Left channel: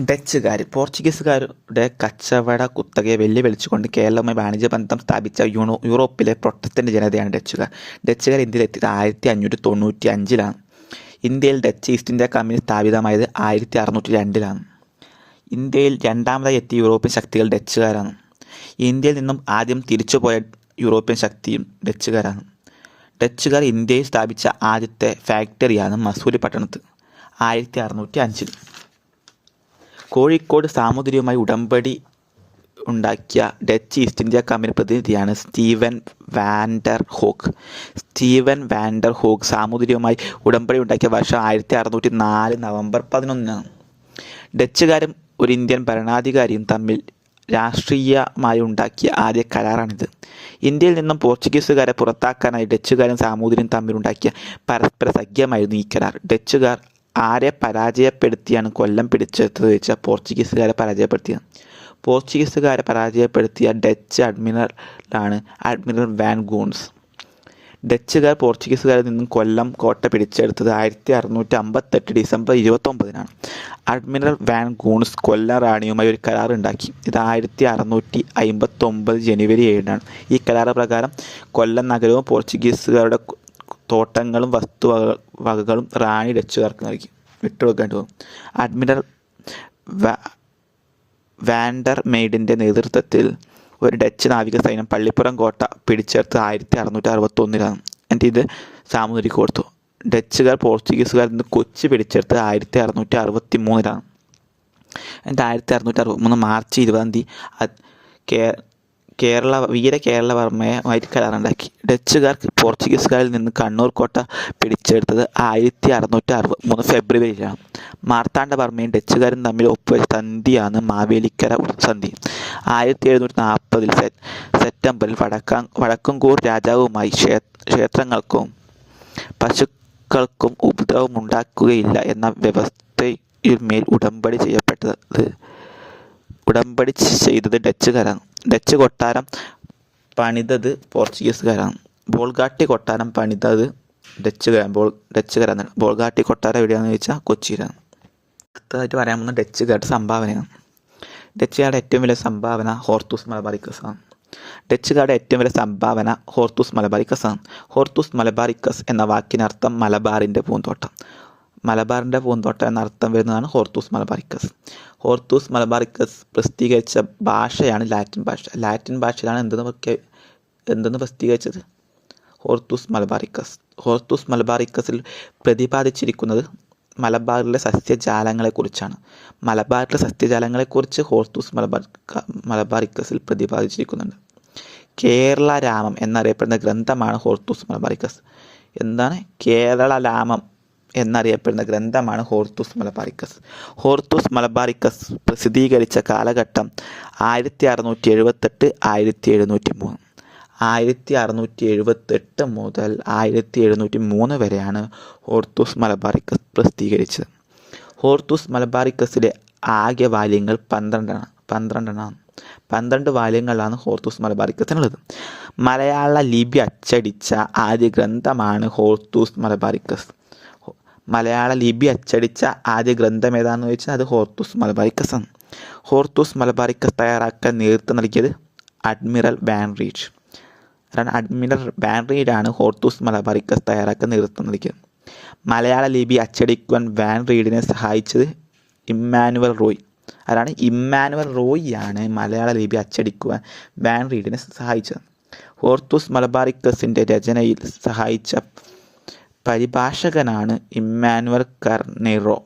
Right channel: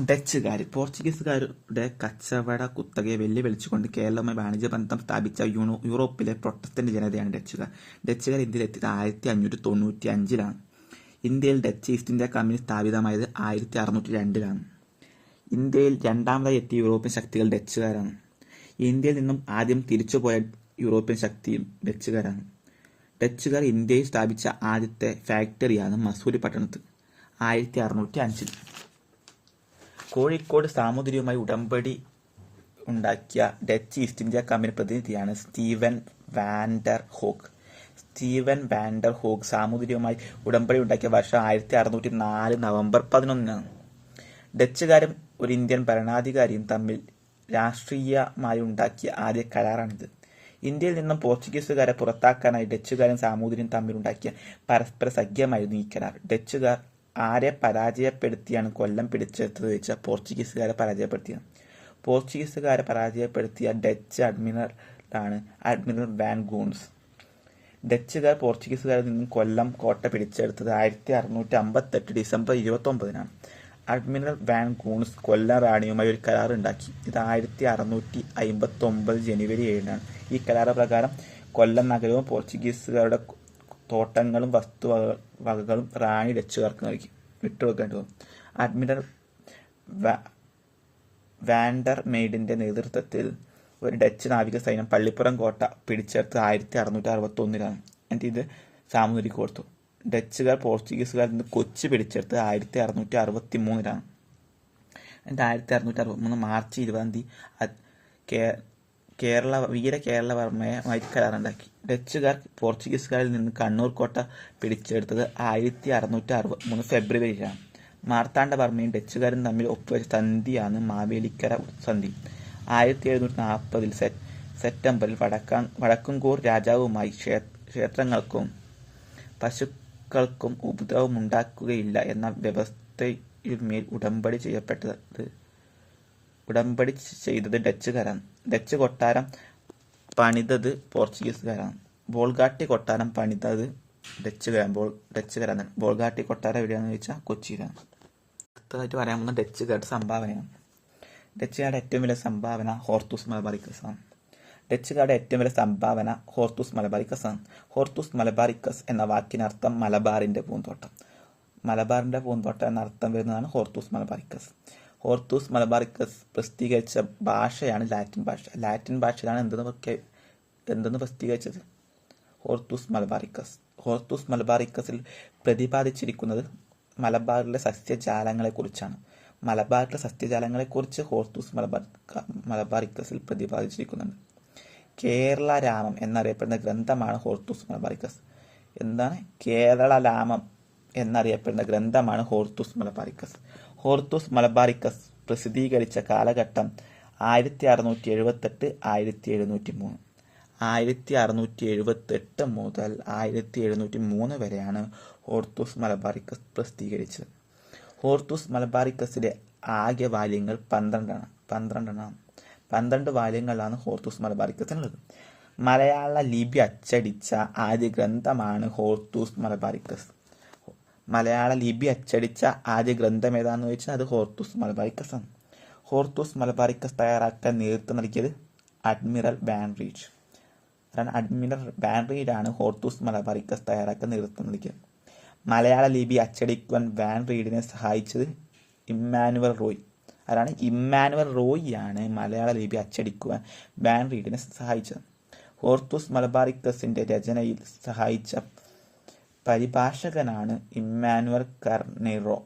ഡച്ചുകാർ പോർച്ചുഗീസുകാരുടെ കച്ചവട കുത്തകയെ വെല്ലുവിളിച്ചുകൊണ്ട് കേരളവുമായി വാണിജ്യ ബന്ധം സ്ഥാപിച്ച യൂണോ യൂറോപ്പിലെ പ്രൊട്ടസ്റ്റന്റ് ജനതയാണ് ഡച്ചുകാർ. ഡച്ചുകാർ ഇന്ത്യയിലെത്തിയത് ആയിരത്തി അഞ്ഞൂറ്റി തൊണ്ണൂറ്റി അഞ്ചിലാണ് ഇന്ത്യയിൽ ഡച്ച് ഈസ്റ്റ് ഇന്ത്യ കമ്പനി സ്ഥാപിതമായത് ആയിരത്തി അറുന്നൂറ്റി രണ്ടിലാണ് ഇന്ത്യയിൽ രണ്ടാമതായി എത്തിയ യൂറോപ്യൻ ശക്തികൾ ഡച്ചുകാരാണ്. ഇന്ത്യയിൽ നിന്നും ആദ്യം തിരിച്ചുപോയ യൂറോപ്യൻ ശക്തിയും ഡച്ചുകാരാണ്. ഡച്ചുകാർ ഇന്ത്യയിൽ സ്ഥാപിച്ച ആദ്യത്തെ ഫാക്ടറിയാണ് മസൂരി പട്ടണത്ത് ആയിരത്തി അറുന്നൂറ്റി അഞ്ചിൽ കോഴിക്കോട് സാമൂതിരിയുമായി ഉടമ്പടി ഉണ്ടാക്കിയ ഡച്ച് ഈസ്റ്റ് ഇന്ത്യ കമ്പനി പ്രതിനിധിയാണ് Steven Vander Hoek Steven Vander Hoek സാമൂതിരിയുമായി ഉടമ്പടി ഉണ്ടാക്കിയ വർഷം ആയിരത്തി അറുന്നൂറ്റി നാല് നവംബർ പതിനൊന്നിനാണ്. ഡച്ചുകാരും ഒരു ഇന്ത്യൻ ഭരണാധികാരിയും തമ്മിൽ രാഷ്ട്രീയമായി ഉണ്ടാക്കിയ ആദ്യ കരാറാണിത്. ഇന്ത്യയിൽ നിന്നും പോർച്ചുഗീസുകാരെ പുറത്താക്കാനായി ഡച്ചുകാരും സാമൂതിരിയും തമ്മിലുണ്ടാക്കിയ പരസ്പര സഖ്യമായിരുന്നു ഈ കരാർ. ഡച്ചുകാർ ആരെ പരാജയപ്പെടുത്തിയാണ് കൊല്ലം പിടിച്ചെടുത്തത് ചോദിച്ചാൽ പോർച്ചുഗീസുകാരെ പരാജയപ്പെടുത്തിയത്. പോർച്ചുഗീസുകാരെ പരാജയപ്പെടുത്തിയ ഡച്ച് അഡ്മിറലാണ് അഡ്മിറൽ വാൻ ഗൂൺസ്. ഡച്ചുകാർ പോർച്ചുഗീസുകാരിൽ നിന്നും കൊല്ലം കോട്ട പിടിച്ചെടുത്തത് ആയിരത്തി അറുന്നൂറ്റി അമ്പത്തെട്ട് ഡിസംബർ ഇരുപത്തൊമ്പതിനാണ്. അഡ്മിറൽ വാൻ ഗൂൺസ് കൊല്ലം റാണിയുമായി ഒരു കരാർ ഉണ്ടാക്കി. ഇത് ആയിരത്തി അറുന്നൂറ്റി അമ്പത്തൊമ്പത് ജനുവരി ഏഴിനാണ്. ഈ കരാർ പ്രകാരം കൊല്ലം നഗരവും പോർച്ചുഗീസുകാരുടെ തോട്ടങ്ങളും വസ്തു വകകളും റാണി ഡച്ചുകാർക്ക് നൽകി. വിട്ടുകൊടുക്കേണ്ടി വന്നു. അഡ്മിറൽ വാൻഡർ മെയ്ഡിന്റെ നേതൃത്വത്തിൽ ഒരു ഡച്ച് നാവിക സൈന്യം പള്ളിപ്പുറം കോട്ട പിടിച്ചെടുത്ത് ആയിരത്തി അറുന്നൂറ്റി അറുപത്തി ഒന്നിലാണ് എന്നിട്ട് ഇത് സാമൂതിരിക്ക് കൊടുത്തു. ഡച്ചുകാർ പോർച്ചുഗീസുകാരിൽ നിന്ന് കൊച്ചി പിടിച്ചെടുത്ത് ആയിരത്തി അറുന്നൂറ്റി അറുപത്തി മൂന്നിലാണ് എന്നിട്ട് ആയിരത്തി അറുന്നൂറ്റി അറുപത്തി മൂന്ന് മാർച്ച് ഇരുപതാം തീയതി കേ കേരള വീര കേരളവർമ്മയുമായിട്ട് കരാറുണ്ടാക്കി ഡച്ചുകാർ പോർച്ചുഗീസുകാരിൽ നിന്ന് കണ്ണൂർ കോട്ട പിടിച്ചെടുത്തത് ആയിരത്തി അറുന്നൂറ്റി അറുപത് മൂന്ന് ഫെബ്രുവരിയിലാണ് മാർത്താണ്ഡവർമ്മയും ഡച്ചുകാരും തമ്മിൽ ഒപ്പുവെച്ച സന്ധിയാണ് മാവേലിക്കര സന്ധി. ആയിരത്തി എഴുന്നൂറ്റി നാൽപ്പതിൽ സെപ്റ്റംബറിൽ വടക്കാ വടക്കൻകൂർ രാജാവുമായി ക്ഷേത്രങ്ങൾക്കും പശുക്കൾക്കും ഉപദ്രവം ഉണ്ടാക്കുകയില്ല എന്ന വ്യവസ്ഥയിന്മേൽ ഉടമ്പടി ചെയ്യപ്പെട്ടത് ഉടമ്പടി ചെയ്തത് ഡച്ചുകാരാണ്. ഡച്ച് കൊട്ടാരം പണിതത് പോർച്ചുഗീസുകാരാണ്. ബോൾഗാട്ടി കൊട്ടാരം പണിതത് ഡച്ചുകാരാണ്. ബോൾ ഡച്ചുകാരാണ്. ബോൾഗാട്ടി കൊട്ടാരം എവിടെയാണെന്ന് ചോദിച്ചാൽ കൊച്ചിയിലാണ്. അടുത്തതായിട്ട് പറയാൻ പോകുന്ന ഡച്ചുകാരുടെ സംഭാവനയാണ്. ഡച്ചുകാരുടെ ഏറ്റവും വലിയ സംഭാവന ഹോർത്തൂസ് മലബാറിക്കസാണ്. ഡച്ചുകാരുടെ ഏറ്റവും വലിയ സംഭാവന ഹോർത്തൂസ് മലബാറിക്കസാണ്. ഹോർത്തൂസ് മലബാറിക്കസ് എന്ന വാക്കിനർത്ഥം മലബാറിന്റെ പൂന്തോട്ടം. മലബാറിന്റെ പൂന്തോട്ടം എന്നർത്ഥം വരുന്നതാണ് ഹോർത്തൂസ് മലബാറിക്കസ്. ഹോർത്തൂസ് മലബാറിക്കസ് പ്രസിദ്ധീകരിച്ച ഭാഷയാണ് ലാറ്റിൻ ഭാഷ. ലാറ്റിൻ ഭാഷയിലാണ് എന്തെന്ന് എന്തെന്ന് പ്രസിദ്ധീകരിച്ചത്? Hortus Malabaricus. ഹോർത്തൂസ് മലബാറിക്കസിൽ പ്രതിപാദിച്ചിരിക്കുന്നത് മലബാറിലെ സസ്യജാലങ്ങളെക്കുറിച്ചാണ് മലബാറിലെ സസ്യജാലങ്ങളെക്കുറിച്ച് ഹോർത്തൂസ് മലബാർ മലബാറിക്കസിൽ പ്രതിപാദിച്ചിരിക്കുന്നുണ്ട്. കേരള രാമം എന്നറിയപ്പെടുന്ന ഗ്രന്ഥമാണ് ഹോർത്തൂസ് മലബാറിക്കസ്. എന്താണ്? കേരള രാമം എന്നറിയപ്പെടുന്ന ഗ്രന്ഥമാണ് ഹോർത്തൂസ് മലബാറിക്കസ് ഹോർത്തൂസ് മലബാറിക്കസ് പ്രസിദ്ധീകരിച്ച കാലഘട്ടം ആയിരത്തി അറുന്നൂറ്റി എഴുപത്തെട്ട് ആയിരത്തി എഴുന്നൂറ്റി മൂന്ന് ആയിരത്തി അറുന്നൂറ്റി എഴുപത്തെട്ട് മുതൽ ആയിരത്തി എഴുന്നൂറ്റി മൂന്ന് വരെയാണ് ഹോർത്തൂസ് മലബാറിക്കസ് പ്രസിദ്ധീകരിച്ചത്. ഹോർത്തൂസ് മലബാറിക്കസിലെ ആകെ വാല്യങ്ങൾ പന്ത്രണ്ടാണ് പന്ത്രണ്ടെണ്ണമാണ് പന്ത്രണ്ട് വാല്യങ്ങളാണ് ഹോർത്തൂസ് മലബാറിക്കസിനുള്ളത് മലയാള ലിപി അച്ചടിച്ച ആദ്യ ഗ്രന്ഥമാണ് ഹോർത്തൂസ് മലബാറിക്കസ് മലയാള ലിപി അച്ചടിച്ച ആദ്യ ഗ്രന്ഥം ഏതാണെന്ന് ചോദിച്ചാൽ അത് ഹോർത്തൂസ് മലബാറിക്കസ് ആണ്. ഹോർത്തൂസ് മലബാറിക്കസ് തയ്യാറാക്കാൻ നേതൃത്വം നൽകിയത് അഡ്മിറൽ ബാൻറീഡ്. കാരണം അഡ്മിറൽ ബാൻറീഡാണ് ഹോർത്തൂസ് മലബാറിക്കസ് തയ്യാറാക്കാൻ നേതൃത്വം നൽകിയത്. മലയാള ലിപി അച്ചടിക്കുവാൻ വാൻ റീഡിനെ സഹായിച്ചത് ഇമ്മാനുവൽ റോയ്. അതാണ് ഇമ്മാനുവൽ റോയ് ആണ് മലയാള ലിപി അച്ചടിക്കുവാൻ വാൻ റീഡിനെ സഹായിച്ചത്. ഹോർത്തൂസ് മലബാറിക്കസിന്റെ രചനയിൽ സഹായിച്ച പരിഭാഷകനാണ് ഇമ്മാനുവൽ കർനെയ്റോ.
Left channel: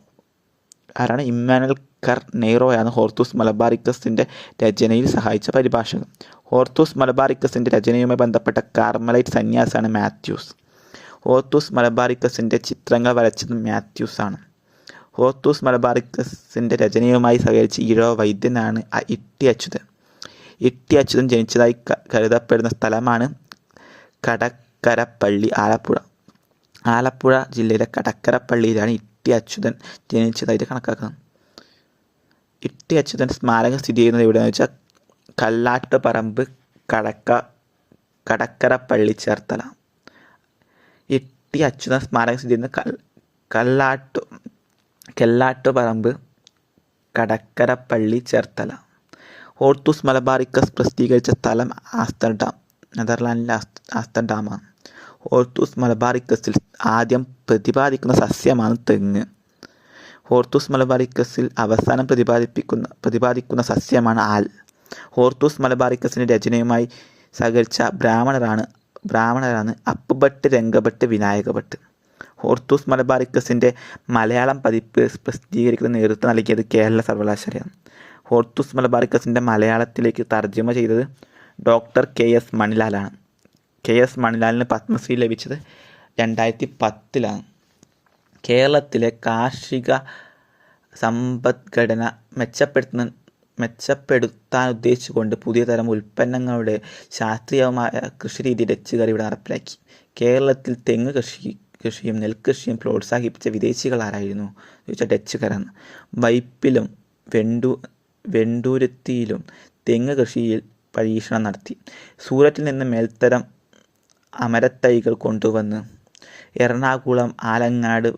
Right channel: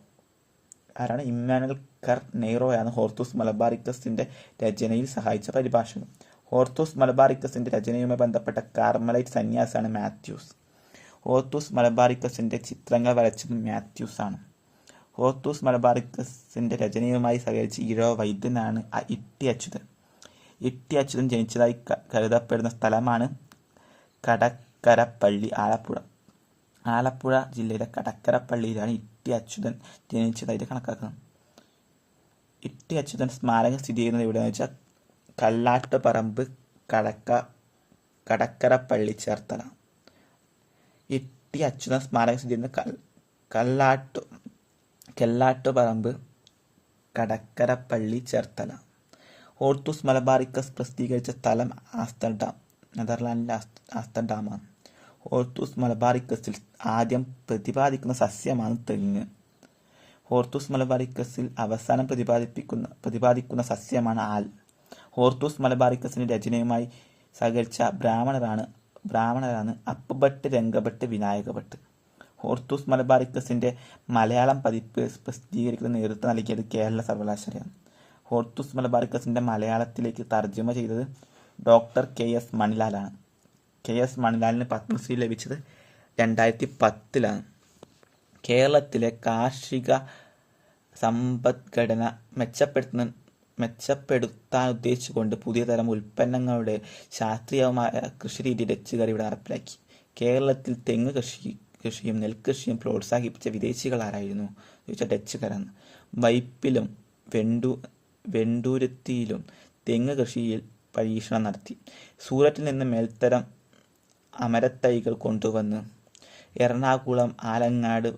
ആരാണ്? ഇമ്മാനുവൽ കർനെയ്റോയാണ് ഹോർത്തൂസ് മലബാറിക്കസിന്റെ രചനയിൽ സഹായിച്ച പരിഭാഷകൻ. ഹോർത്തൂസ് മലബാറിക്കസിന്റെ രചനയുമായി ബന്ധപ്പെട്ട കാർമലൈറ്റ് സന്യാസാണ് മാത്യൂസ്. ഹോർത്തൂസ് മലബാറിക്കസിന്റെ ചിത്രങ്ങൾ വരച്ചത് മാത്യൂസ് ആണ് ഹോർത്തൂസ് മലബാറിക്കസിന്റെ രചനയുമായി സഹകരിച്ച ഈഴോ വൈദ്യനാണ് ഇട്ടി അച്യുതൻ. ഇട്ടി അച്യുതൻ ജനിച്ചതായി കരുതപ്പെടുന്ന സ്ഥലമാണ് കടക്കരപ്പള്ളി ആലപ്പുഴ. ആലപ്പുഴ ജില്ലയിലെ കടക്കരപ്പള്ളിയിലാണ് ഇട്ടി അച്യുതൻ ജനിച്ചതായിട്ട് കണക്കാക്കുന്നത് ഇട്ടി അച്യുതൻ സ്മാരകം സ്ഥിതി ചെയ്യുന്നത് എവിടെയെന്ന് വെച്ചാൽ കല്ലാട്ടുപറമ്പ് കടക്ക കടക്കരപ്പള്ളി ചേർത്തല. ഇട്ടി അച്യുതൻ സ്മാരകം സ്ഥിതി ചെയ്യുന്ന കൽ കല്ലാട്ടു കെല്ലാട്ടുപറമ്പ് കടക്കരപ്പള്ളി ചേർത്തല. ഓർത്തൂസ് മലബാറിക്കസ് പ്രസിദ്ധീകരിച്ച സ്ഥലം ആംസ്റ്റർഡാം നെതർലാൻഡിലെ ആംസ് ആംസ്റ്റർഡാമാണ് ഹോർത്തൂസ് മലബാറിക്കസിൽ ആദ്യം പ്രതിപാദിക്കുന്ന സസ്യമാണ് തെങ്ങ്. ഹോർത്തൂസ് മലബാറിക്കസിൽ അവസാനം പ്രതിപാദിപ്പിക്കുന്ന പ്രതിപാദിക്കുന്ന സസ്യമാണ് ആൽ. ഹോർത്തൂസ് മലബാറിക്കസിന്റെ രചനയുമായി സഹകരിച്ച ബ്രാഹ്മണരാണ് ബ്രാഹ്മണരാണ് അപ്പുഭട്ട് രംഗഭട്ട് വിനായകഭട്ട്. ഹോർത്തൂസ് മലബാറിക്കസിന്റെ മലയാളം പതിപ്പ് പ്രസിദ്ധീകരിക്കുന്ന നേതൃത്വം നൽകിയത് കേരള സർവകലാശാലയാണ്. ഹോർത്തൂസ് മലബാറിക്കസിന്റെ മലയാളത്തിലേക്ക് തർജമ ചെയ്തത് ഡോക്ടർ കെ എസ് മണിലാലാണ്. കെ എസ് മണിലാലിന് പത്മശ്രീ ലഭിച്ചത് രണ്ടായിരത്തി പത്തിലാണ് കേരളത്തിലെ കാർഷിക സമ്പദ്ഘടന മെച്ചപ്പെടുത്തുന്ന മെച്ചപ്പെടുത്താൻ ഉദ്ദേശിച്ചുകൊണ്ട് പുതിയ തരം ഉൽപ്പന്നങ്ങളുടെ ശാസ്ത്രീയമായ കൃഷിരീതി ഡച്ചുകാർ ഇവിടെ നടപ്പിലാക്കി. കേരളത്തിൽ തെങ്ങ് കൃഷി കൃഷിയും നെൽകൃഷിയും പ്രോത്സാഹിപ്പിച്ച വിദേശികൾ ആരായിരുന്നു? ചോദിച്ചാൽ ഡച്ചുകാരാണ്. വൈപ്പിലും വെണ്ടു വെണ്ടൂരത്തിയിലും തെങ്ങ് കൃഷിയിൽ പരീക്ഷണം നടത്തി. സൂററ്റിൽ നിന്ന് മേൽത്തരം അമരത്തൈകൾ കൊണ്ടുവന്ന് എറണാകുളം ആലങ്ങാട്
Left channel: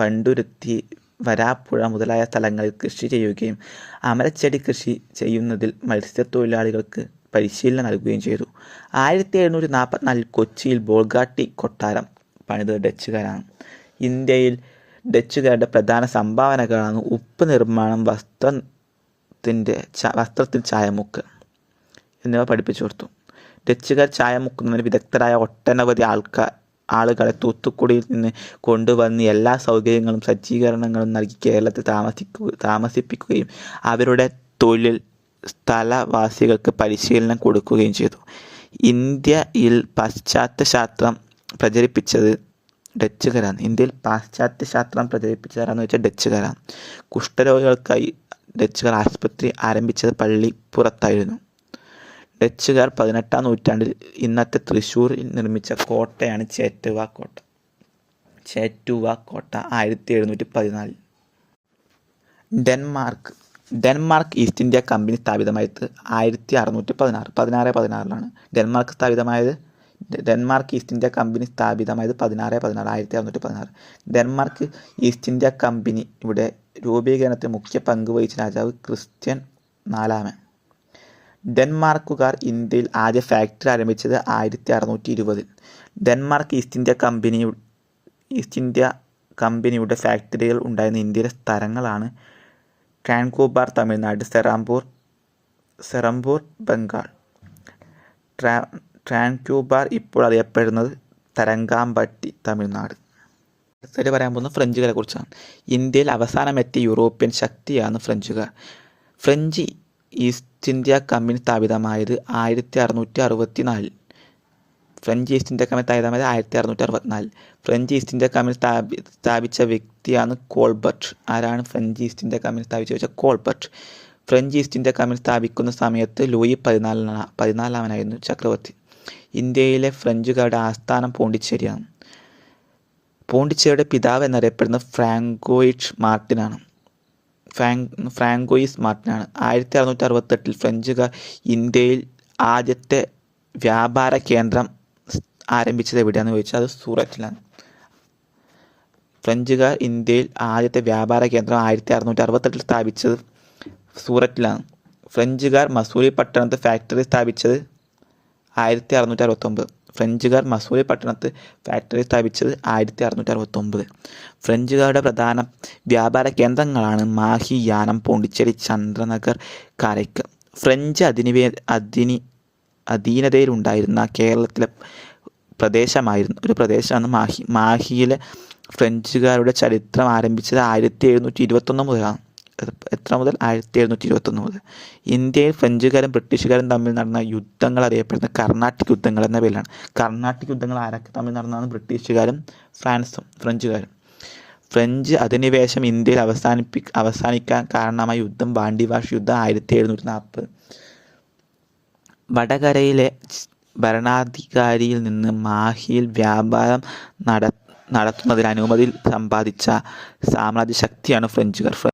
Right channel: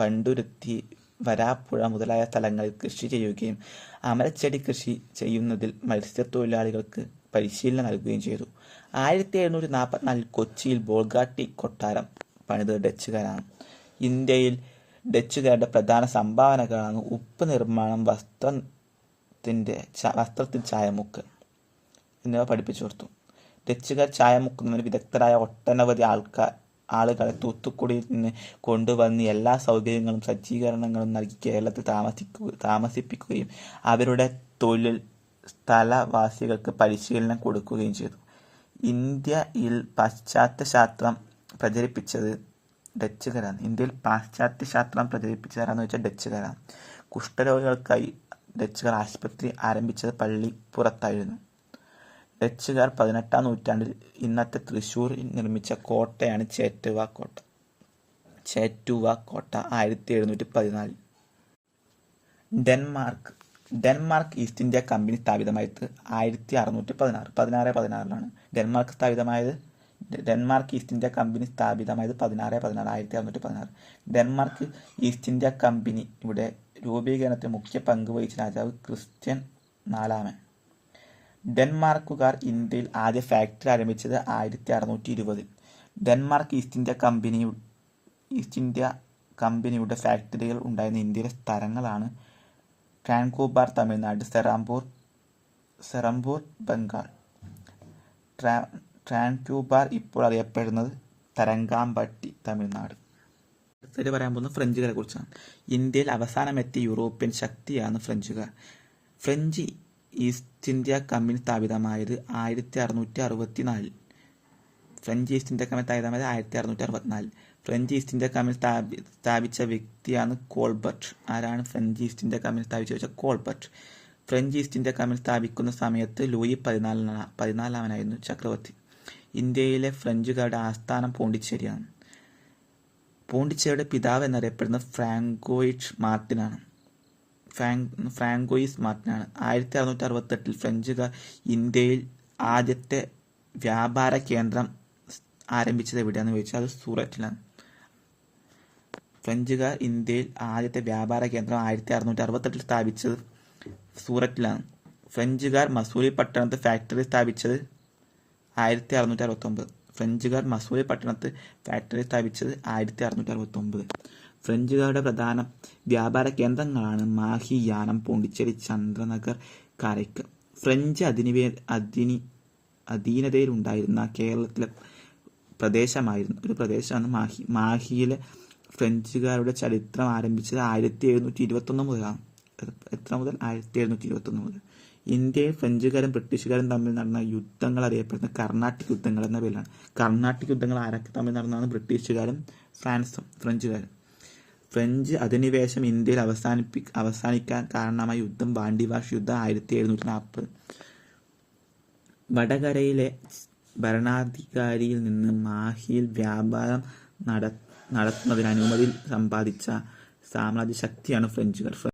വണ്ടുരുത്തി വരാപ്പുഴ മുതലായ സ്ഥലങ്ങളിൽ കൃഷി ചെയ്യുകയും അമരച്ചെടി കൃഷി ചെയ്യുന്നതിൽ മത്സ്യത്തൊഴിലാളികൾക്ക് പരിശീലനം നൽകുകയും ചെയ്തു. ആയിരത്തി എഴുന്നൂറ്റി നാൽപ്പത്തിനാലിൽ കൊച്ചിയിൽ ബോൾഗാട്ടി കൊട്ടാരം പണിതത് ഡച്ചുകാരാണ്. ഇന്ത്യയിൽ ഡച്ചുകാരുടെ പ്രധാന സംഭാവനകളാണ് ഉപ്പ് നിർമ്മാണം വസ്ത്രത്തിന്റെ വസ്ത്രത്തിൽ ചായമുക്ക്. എന്നിവ പഠിപ്പിച്ചു കൊടുത്തു. ഡച്ചുകാർ ചായ മുക്കുന്നതിന് വിദഗ്ധരായ ഒട്ടനവധി ആൾക്കാർ ആളുകളെ തൂത്തുക്കുടിയിൽ നിന്ന് കൊണ്ടുവന്ന് എല്ലാ സൗകര്യങ്ങളും സജ്ജീകരണങ്ങളും നൽകി കേരളത്തിൽ താമസിക്കുക താമസിപ്പിക്കുകയും അവരുടെ തൊഴിൽ സ്ഥലവാസികൾക്ക് പരിശീലനം കൊടുക്കുകയും ചെയ്തു. ഇന്ത്യയിൽ പാശ്ചാത്യ ശാസ്ത്രം പ്രചരിപ്പിച്ചത് ഡച്ചുകാരാണ്. ഇന്ത്യയിൽ പാശ്ചാത്യ ശാസ്ത്രം പ്രചരിപ്പിച്ചതാരാന്ന് വെച്ചാൽ ഡച്ചുകാരാണ്. കുഷ്ഠരോഗികൾക്കായി ഡച്ചുകാർ ആശുപത്രി ആരംഭിച്ചത് പള്ളിപ്പുറത്തായിരുന്നു. ഡച്ചുകാർ പതിനെട്ടാം നൂറ്റാണ്ടിൽ ഇന്നത്തെ തൃശ്ശൂരിൽ നിർമ്മിച്ച കോട്ടയാണ് ചേറ്റുവ കോട്ട. ചേറ്റുവ കോട്ട ആയിരത്തി എഴുന്നൂറ്റി പതിനാലിൽ Denmark Denmark east India company സ്ഥാപിതമായത് ആയിരത്തി അറുന്നൂറ്റി പതിനാറ് പതിനാറ് പതിനാറിലാണ്. ഡെൻമാർക്ക് സ്ഥാപിതമായത് ഡെൻമാർക്ക് ഈസ്റ്റ് ഇന്ത്യ കമ്പനി സ്ഥാപിതമായത് പതിനാറ് പതിനാറ് ആയിരത്തി അറുന്നൂറ്റി പതിനാറ് ഡെൻമാർക്ക് ഈസ്റ്റ് ഇന്ത്യ കമ്പനി ഇവിടെ രൂപീകരണത്തിന് മുഖ്യ പങ്ക് വഹിച്ച രാജാവ് ക്രിസ്ത്യൻ നാലാമൻ. ഡെൻമാർക്കുകാർ ഇന്ത്യയിൽ ആദ്യ ഫാക്ടറി ആരംഭിച്ചത് ആയിരത്തി അറുന്നൂറ്റി ഇരുപതിൽ Denmark East India company East India കമ്പനിയുടെ ഫാക്ടറികൾ ഉണ്ടായിരുന്ന ഇന്ത്യയിലെ സ്ഥലങ്ങളാണ് ട്രാൻകോബാർ തമിഴ്നാട് സെറാംപൂർ സെറംപൂർ ബംഗാൾ. ട്രാ ട്രാൻക്യൂബാർ ഇപ്പോൾ അറിയപ്പെടുന്നത് തരങ്കാമ്പട്ടി തമിഴ്നാട്. അടുത്തത് പറയാൻ പോകുന്നത് ഫ്രഞ്ചുകാരെ കുറിച്ചാണ്. ഇന്ത്യയിൽ അവസാനമെത്തിയ യൂറോപ്യൻ ശക്തിയാണ് ഫ്രഞ്ചുകാർ. ഫ്രഞ്ച് ഈസ്റ്റ് ഇന്ത്യ കമ്പനി സ്ഥാപിതമായത് ആയിരത്തി അറുന്നൂറ്റി അറുപത്തി നാലിൽ ഫ്രഞ്ച് ഈസ്റ്റ് ഇന്ത്യ കമ്പനി സ്ഥാപിതമായത് ആയിരത്തി അറുന്നൂറ്റി അറുപത്തിനാലിൽ ഫ്രഞ്ച് ഈസ്റ്റ് ഇന്ത്യ കമ്പനി സ്ഥാപി സ്ഥാപിച്ച വ്യക്തിയാണ് കോൾബർട്ട്. ആരാണ് ഫ്രഞ്ച് ഈസ്റ്റ് ഇന്ത്യ കമ്പനി സ്ഥാപിച്ച വെച്ചാൽ Colbert. French East India company സ്ഥാപിക്കുന്ന സമയത്ത് ലൂയി പതിനാലിനാണ് പതിനാലാമനായിരുന്നു ചക്രവർത്തി. ഇന്ത്യയിലെ ഫ്രഞ്ചുകാരുടെ ആസ്ഥാനം പോണ്ടിച്ചേരിയാണ്. പോണ്ടിച്ചേരിയുടെ പിതാവ് എന്നറിയപ്പെടുന്ന ഫ്രാങ്കോയിറ്റ് മാർട്ടിനാണ്. ഫ്രാങ്ക് ഫ്രാങ്കോയിസ് മാർട്ടിനാണ് ആയിരത്തി അറുന്നൂറ്റി അറുപത്തെട്ടിൽ ഫ്രഞ്ചുകാർ ഇന്ത്യയിൽ ആദ്യത്തെ വ്യാപാര കേന്ദ്രം ആരംഭിച്ചത് എവിടെയാണെന്ന് ചോദിച്ചാൽ അത് സൂററ്റിലാണ്. ഫ്രഞ്ചുകാർ ഇന്ത്യയിൽ ആദ്യത്തെ വ്യാപാര കേന്ദ്രം ആയിരത്തി അറുന്നൂറ്റി അറുപത്തെട്ടിൽ സ്ഥാപിച്ചത് സൂററ്റിലാണ്. ഫ്രഞ്ചുകാർ മസൂരി പട്ടണത്ത് ഫാക്ടറി സ്ഥാപിച്ചത് ആയിരത്തി അറുന്നൂറ്റി അറുപത്തൊമ്പത് ഫ്രഞ്ചുകാർ മസൂരി പട്ടണത്ത് ഫാക്ടറി സ്ഥാപിച്ചത് ആയിരത്തി അറുന്നൂറ്റി അറുപത്തൊമ്പത് ഫ്രഞ്ചുകാരുടെ പ്രധാന വ്യാപാര കേന്ദ്രങ്ങളാണ് മാഹി യാനം പോണ്ടിച്ചേരി ചന്ദ്രനഗർ കാരയ്ക്ക്. ഫ്രഞ്ച് അധിനിവേ അധിനി അധീനതയിലുണ്ടായിരുന്ന കേരളത്തിലെ പ്രദേശമായിരുന്നു ഒരു പ്രദേശമാണ് മാഹി. മാഹിയിലെ ഫ്രഞ്ചുകാരുടെ ചരിത്രം ആരംഭിച്ചത് ആയിരത്തി എഴുന്നൂറ്റി ഇരുപത്തൊന്ന് മുതലാണ്. എത്ര മുതൽ? ആയിരത്തി എഴുന്നൂറ്റി ഇരുപത്തൊന്ന് മുതൽ. ഇന്ത്യയിൽ ഫ്രഞ്ചുകാരും ബ്രിട്ടീഷുകാരും തമ്മിൽ നടന്ന യുദ്ധങ്ങൾ അറിയപ്പെടുന്ന കർണാട്ടിക് യുദ്ധങ്ങൾ എന്ന പേരിലാണ്. കർണാട്ടിക് യുദ്ധങ്ങൾ ആരൊക്കെ തമ്മിൽ നടന്നതാണ്? ബ്രിട്ടീഷുകാരും ഫ്രാൻസും ഫ്രഞ്ചുകാരും. ഫ്രഞ്ച് അധിനിവേശം ഇന്ത്യയിൽ അവസാനിപ്പി അവസാനിക്കാൻ കാരണമായ യുദ്ധം ബാണ്ടിവാഷ് യുദ്ധം ആയിരത്തി എഴുന്നൂറ്റി നാൽപ്പത് വടകരയിലെ ഭരണാധികാരിയിൽ നിന്ന് മാഹിയിൽ വ്യാപാരം നട നടത്തുന്നതിന് അനുമതി സമ്പാദിച്ച സാമ്രാജ്യ ശക്തിയാണ് ഫ്രഞ്ചുകാർ.